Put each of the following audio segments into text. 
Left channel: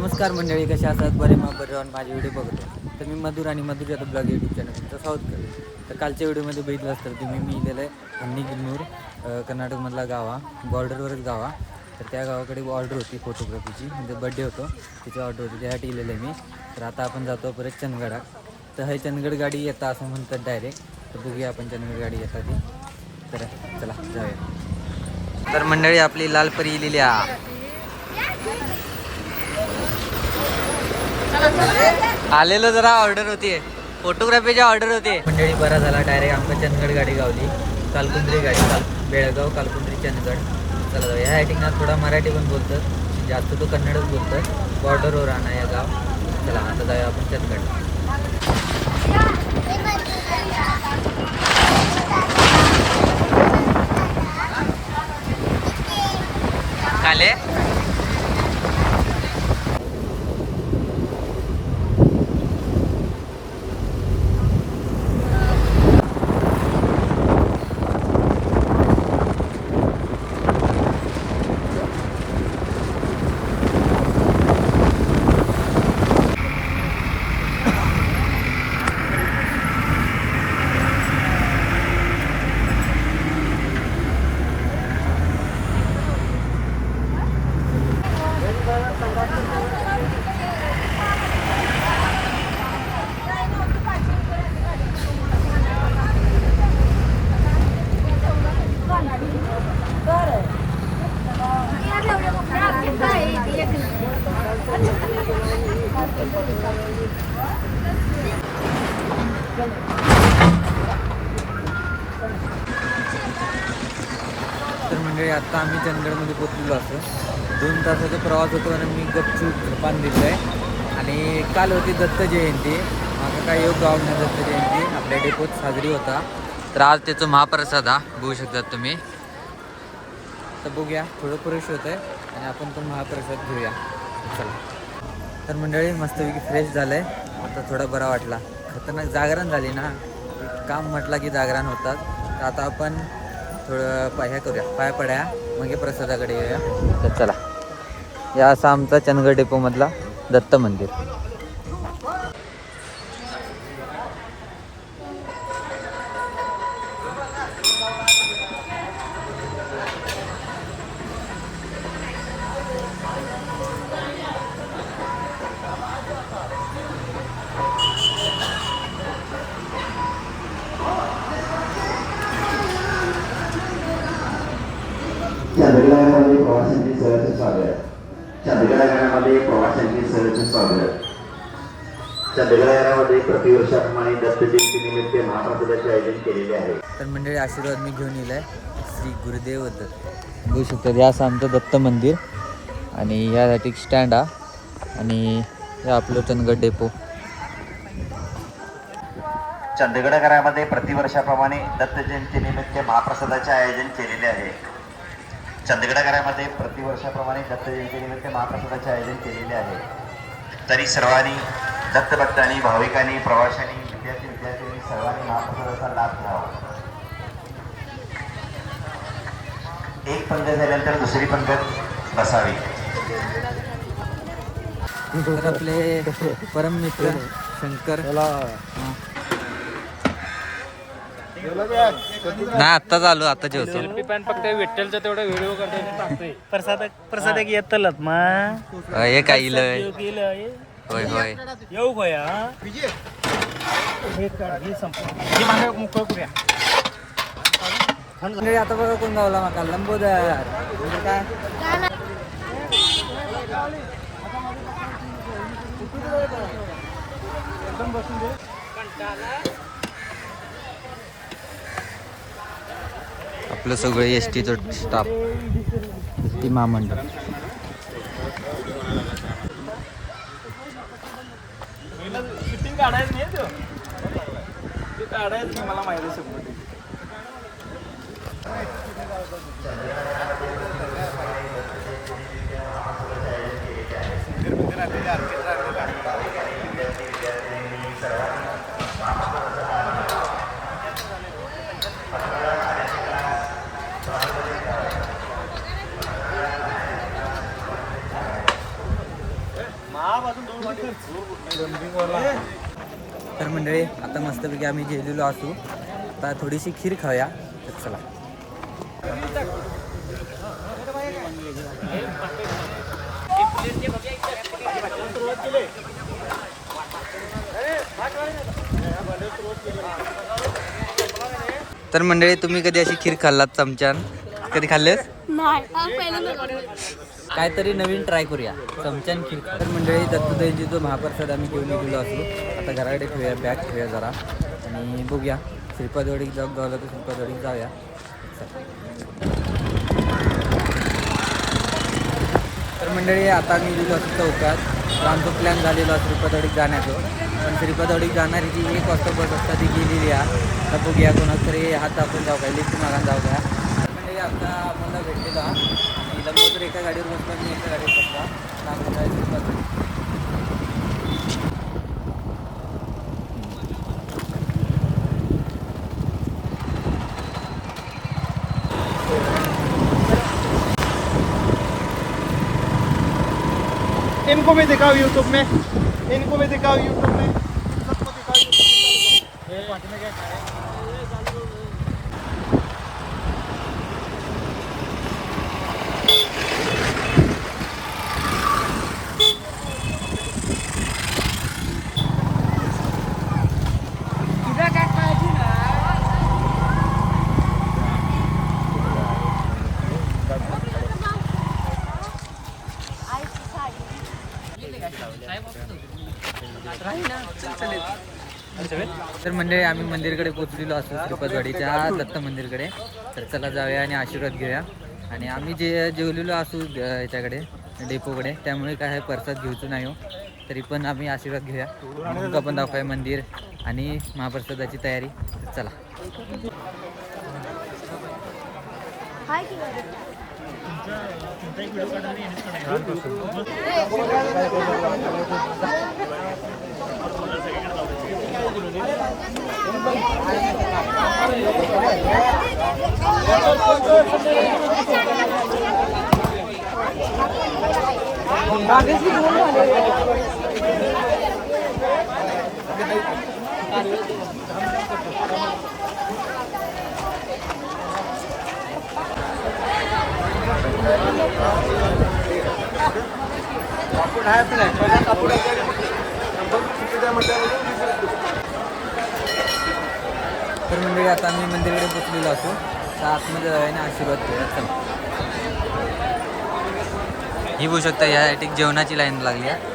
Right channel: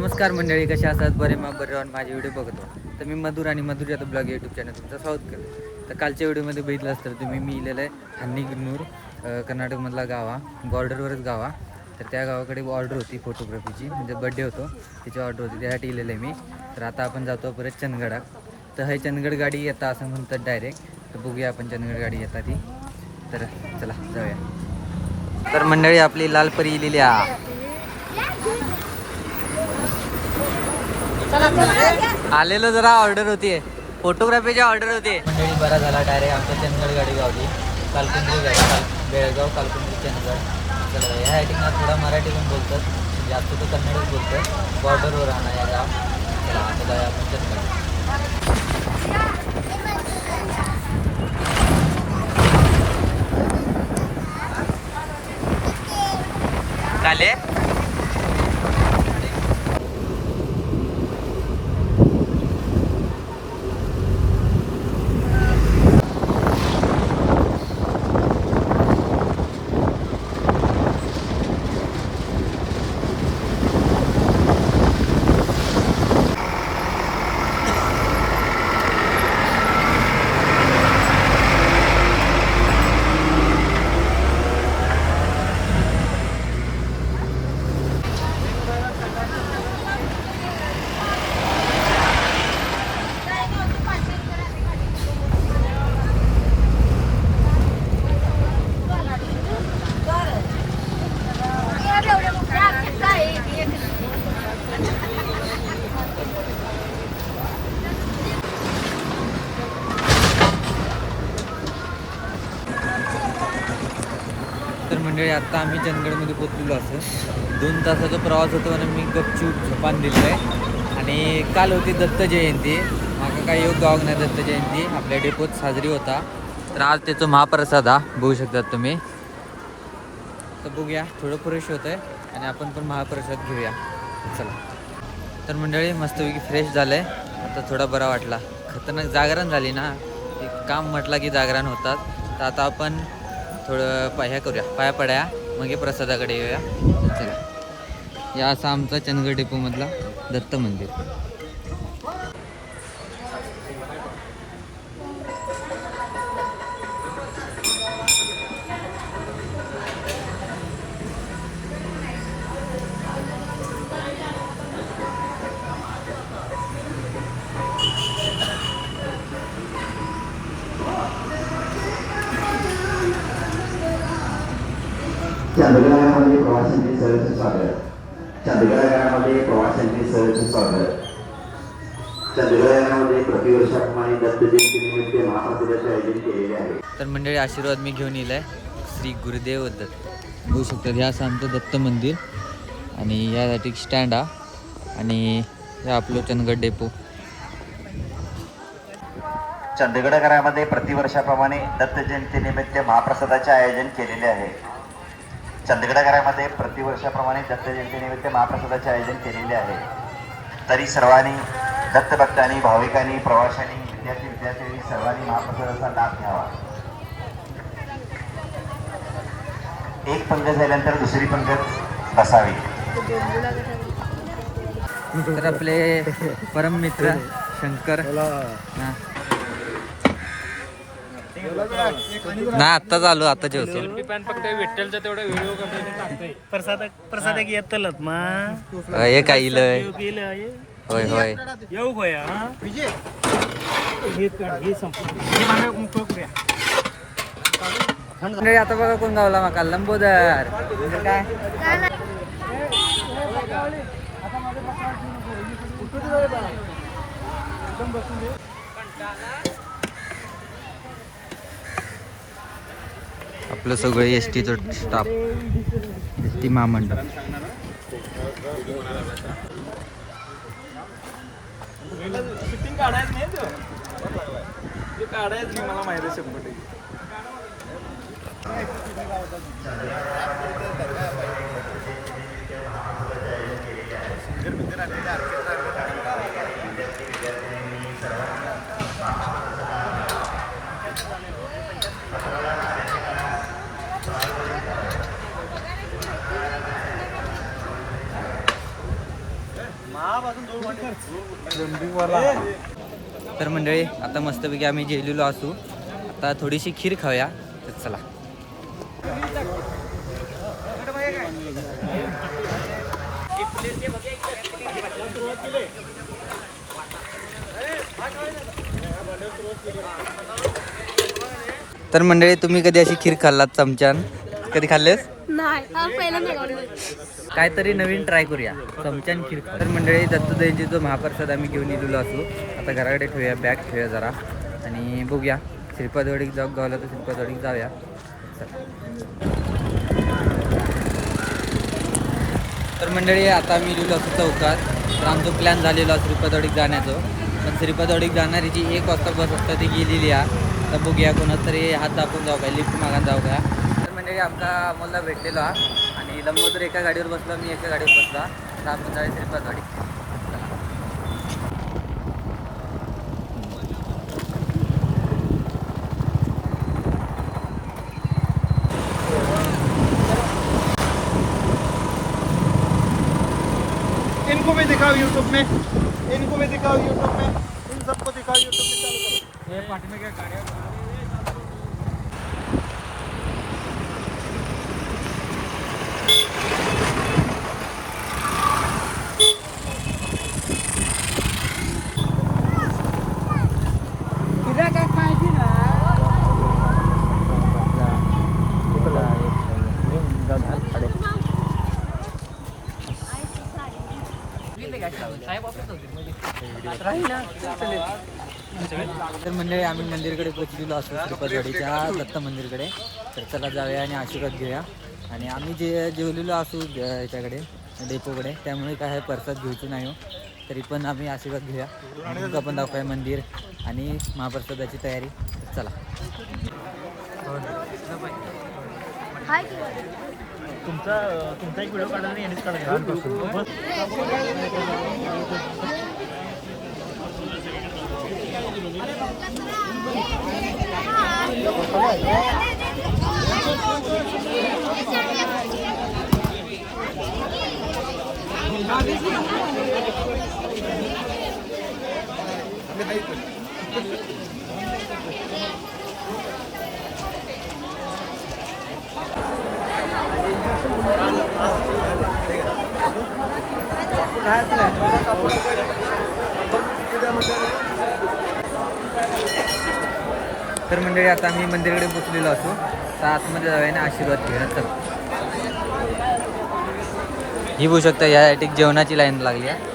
नमस्कार मंडळी, कशा असतात? बरे बरे राहून माझे व्हिडिओ बघतो. तर मी मधुर आणि मधुर आता ब्लॉग यूट्यूब चॅनल तुमचं स्वागत करतो. तर कालच्या व्हिडिओमध्ये बघितलं असतं तुम्ही मी लिहिलेलं आहे हन्नीगिन्नूर, कर्नाटकमधला गावा, बॉर्डरवरच गावा. तर त्या गावाकडे ऑर्डर होती फोटोग्राफीची, म्हणजे बड्डे होतो तिची ऑर्डर होती, त्यासाठी लिहिलेलं आहे मी. तर आता आपण जातो परत चंदगडा. तर हे चंदगड गाडी येता असं म्हणतात डायरेक्ट. तर बघूया आपण चंदगड गाडी येतात ती. तर चला जाऊया. तर मंडळी आपली लालपरी लिहिल्या आलेलो, जरा ऑर्डर होती, फोटोग्राफीची ऑर्डर होती. मंडळी बरा झाला, डायरेक्ट आमच्या चंदगड गाडी गावली. कालकुंद्री गाडी, बेळगाव कालकुंद्री चंदगड. चला ह्या ठिकाणी थोडा मराठी पण बोलतात, जास्त तो कन्नडच बोलतोय. बॉर्डरवर राहणार या गाव. चला आता जाऊया आपण चंदगड. काले तर मंडळी आता आम्ही चंदगडमध्ये पोचलेलो असं 2 तासाचा प्रवास होतो आणि मी गपचूप झोपान दिलं आहे. आणि काल होती दत्त जयंती, मागं काही योग गाव नाही, दत्त जयंती आपल्या डेपोत साजरी होता. तर आज त्याचं महाप्रसाद बघू शकतात तुम्ही. तर बघूया, थोडं फ्रेश होतं आहे आणि आपण पण महाप्रसाद घेऊया. चला. तर मंडळी मस्तपैकी फ्रेश झालं आहे, आता थोडा बरा वाटला. खतरनाक जागरण झाली ना, काम म्हटलं की जागरण होतात. तर आता आपण थोडं पाया करूया, पाया पड्या, मग प्रसादाकडे येऊया. तर चला, या असा आमचा चंदगड डेपोमधला दत्त मंदिर. चंदगडामध्ये प्रवाशांची सहर्ष स्वागत. चंदगडामध्ये प्रवाशांची सहर्ष स्वागत. चंदगडामध्ये प्रतिवर्षाप्रमाणे दत्त जयंतीनिमित्त महाप्रसादाचे आयोजन केलेले आहे. तर मंडळी आशीर्वाद मी घेऊन येईल श्री गुरुदेव दत्त. बघू शकतात, हे असं आमचं दत्त मंदिर आणि यासाठी स्टँड आणि हे आपलं चंदगड डेपो. चंदगडमध्ये प्रतिवर्षाप्रमाणे दत्त जयंतीनिमित्त महाप्रसादाचे आयोजन केलेले आहे. चंदगडमध्ये प्रतिवर्षाप्रमाणे दत्त जयंतीनिमित्त महाप्रसादाचे आयोजन केलेले आहे. तरी सर्वांनी दत्तभक्तांनी, भाविकांनी, प्रवाशांनी, विद्यार्थ्यांनी सर्वांनी महाप्रसादाचा लाभ घ्यावा. एक पंगत झाल्यानंतर दुसरी पंगत बसावी. तर आपले परम मित्र शंकर ना आता चालू, आता जेवतो. विठ्ठलचा तेवढा व्हिडिओ प्रसाद येतलत मग हे काय इलय. होय होय येऊ होया आता बघा कोण गावला माका, लंबोदर. म्हणजे काय आपलं सगळं एसटीचं स्टाफ, एसटी महामंडळ. शूटिंग काढायचं नाही, तो काढायचं नाही, मला माहिती आहे 100%. तर मंडळी आता मस्तपैकी आम्ही जेवलेलो असू. आता थोडीशी खीर खाऊया. तर चला. तर मंडळी तुम्ही कधी अशी खीर खाल्लात चमच्यान? कधी खाल्लेस? काहीतरी नवीन ट्राय करूया. चमच्यान खीर खाऊ. तर मंडळी दत्तजयंतीचा महाप्रसाद आम्ही घेऊन येलेलो असू. आता घराकडे ठेवूया, बॅग ठेवूया जरा आणि बघूया. श्रीपादवाडीत जाऊ गावला तर श्रीपादवाडीत जाऊया. तर मंडळी आता मी गेलेलो असतो चौकात. तर आमचा प्लॅन झालेला श्रीपादवाडीत जाण्याचं. पण श्रीपादवाडीत जाणारी जी 1 वाजता बस असतात ती गेलेली आहे. आता बघूया कोणाच तरी हात दाखवून जाऊ काय, लिफ्ट मागान जाऊ द्या. तर मंडळी आता अमोलला भेटलेला आणि लंबोदर एका गाडीवर बसला, मी एका गाडीवर बसला. तर आपण जाऊ श्रीपादवाडी. इनको भी दिखाओ यूट्यूब में, इनको भी दिखाओ यूट्यूब में, इन सबको दिखाओ यूट्यूब में। पार्टी में क्या गाड़ियाँ तर मंडळी आम्ही मंदिरकडे पोचलेलो असतो, श्रीपादवाडीच्या दत्त मंदिरकडे. तर चला जाऊया आणि आशीर्वाद घेऊया. आणि आम्ही जे जेवलेलो असू याच्याकडे डेपोकडे, त्यामुळे काय आहे प्रसाद घेऊचं नाही हो. तरी पण आम्ही आशीर्वाद घेऊया. तुमका पण दाखवूया मंदिर आणि महाप्रसादाची तयारी. चला. तर मंडळी आता आम्ही मंदिरकडे पोचलेलो असू. तर आतमध्ये जाऊया ना आशीर्वाद घ्या. चला. ही बघू शकता यासाठी जेवणाची लाईन लागली आहे.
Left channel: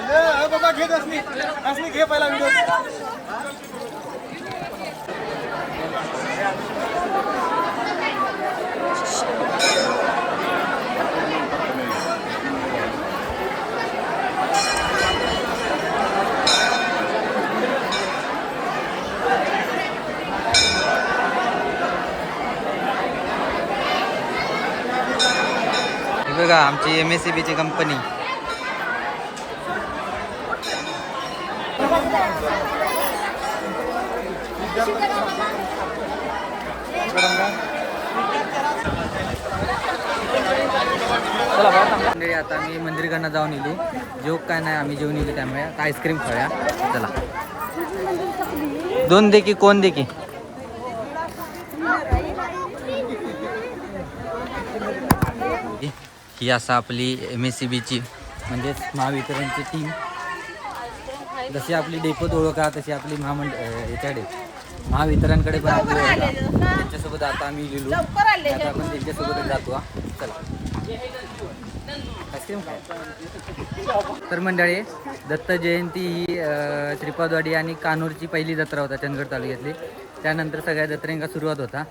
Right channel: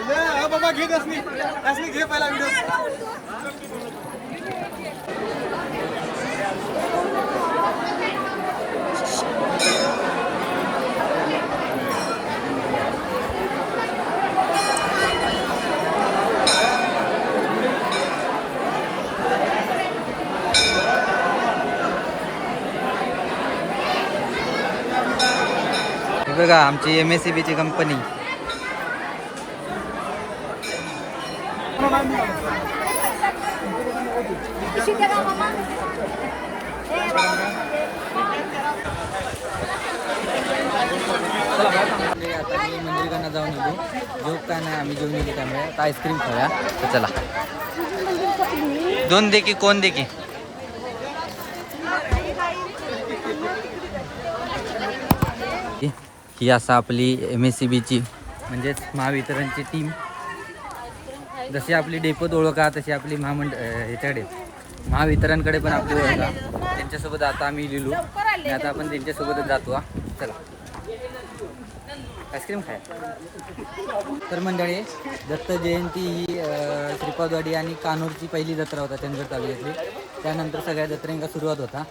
आलं बाबा घे दसनी घे पहिला व्हिडिओ. हे बघा आमची MSCB ची कंपनी. आता आम्ही मंदिरकडनं जाऊन येलो. जेव काय नाही आम्ही जेवून येतो त्यामुळे आता आईस्क्रीम खाऊया. तर चला 2 दे की कोण दे की. ही असा आपली MSCB ची म्हणजेच महावितरणची टीम. जशी आपली डेपोत ओळखा तशी आपली याच्याकडे महावितरणकडे पण आपली ओळखा. त्यांच्यासोबत आता आम्ही लिहिलो आणि आता आपण त्यांच्यासोबतच जातो. चला आईस्क्रीम खाया. तर मंडळी दत्त जयंती ही श्रीपादवाडी आणि कानूरची पहिली जत्रा होता चंदगड तालुक्यातली. त्यानंतर सगळ्या जत्रेंका सुरुवात होता.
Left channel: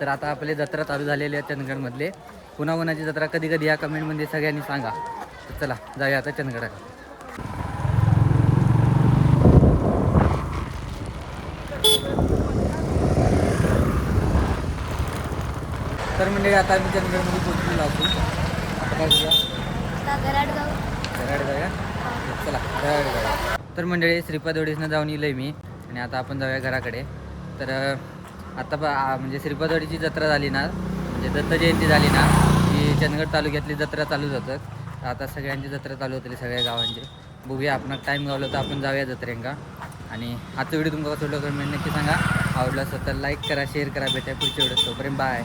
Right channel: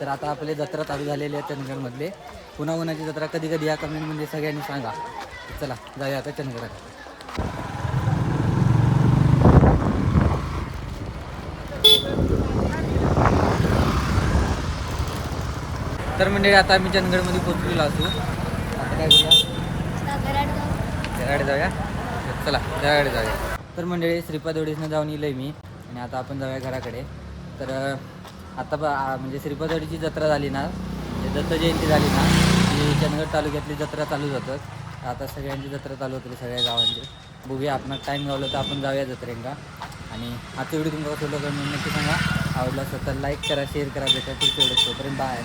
तर आता आपले जत्रा चालू झालेले आहेत चंदगडमधले. पुन्हा कोणाची जत्रा कधी कधी या कमेंटमध्ये सगळ्यांनी सांगा. तर चला जाऊया आता चंदगडाकडे. तर म्हणजे आता आम्ही चंदगडमध्ये पोहोचलेलो असू. आता काय करूया जराडे जाऊया. चला जराडे जाऊया. तर मंडळी श्रीपादवाडीसनं जाऊन येईल मी आणि आता आपण जाऊया घराकडे. तर आता म्हणजे श्रीपादवाडीची जत्रा झाली ना म्हणजे दत्त जयंती झाली ना की चंदगड तालुक्यातली जत्रा चालू होतात. आता सगळ्यांची जत्रा चालू होते सगळ्या गावांची. बघूया आपण टाईम गावला तर आपण जाऊया जत्रेंका. आणि आजचा व्हिडिओ तुमचा कसं कमेंट नक्की सांगा. आवडला असेल तर लाईक करा शेअर करा. भेटा पुढच्या व्हिडिओ. तोपर्यंत बाय.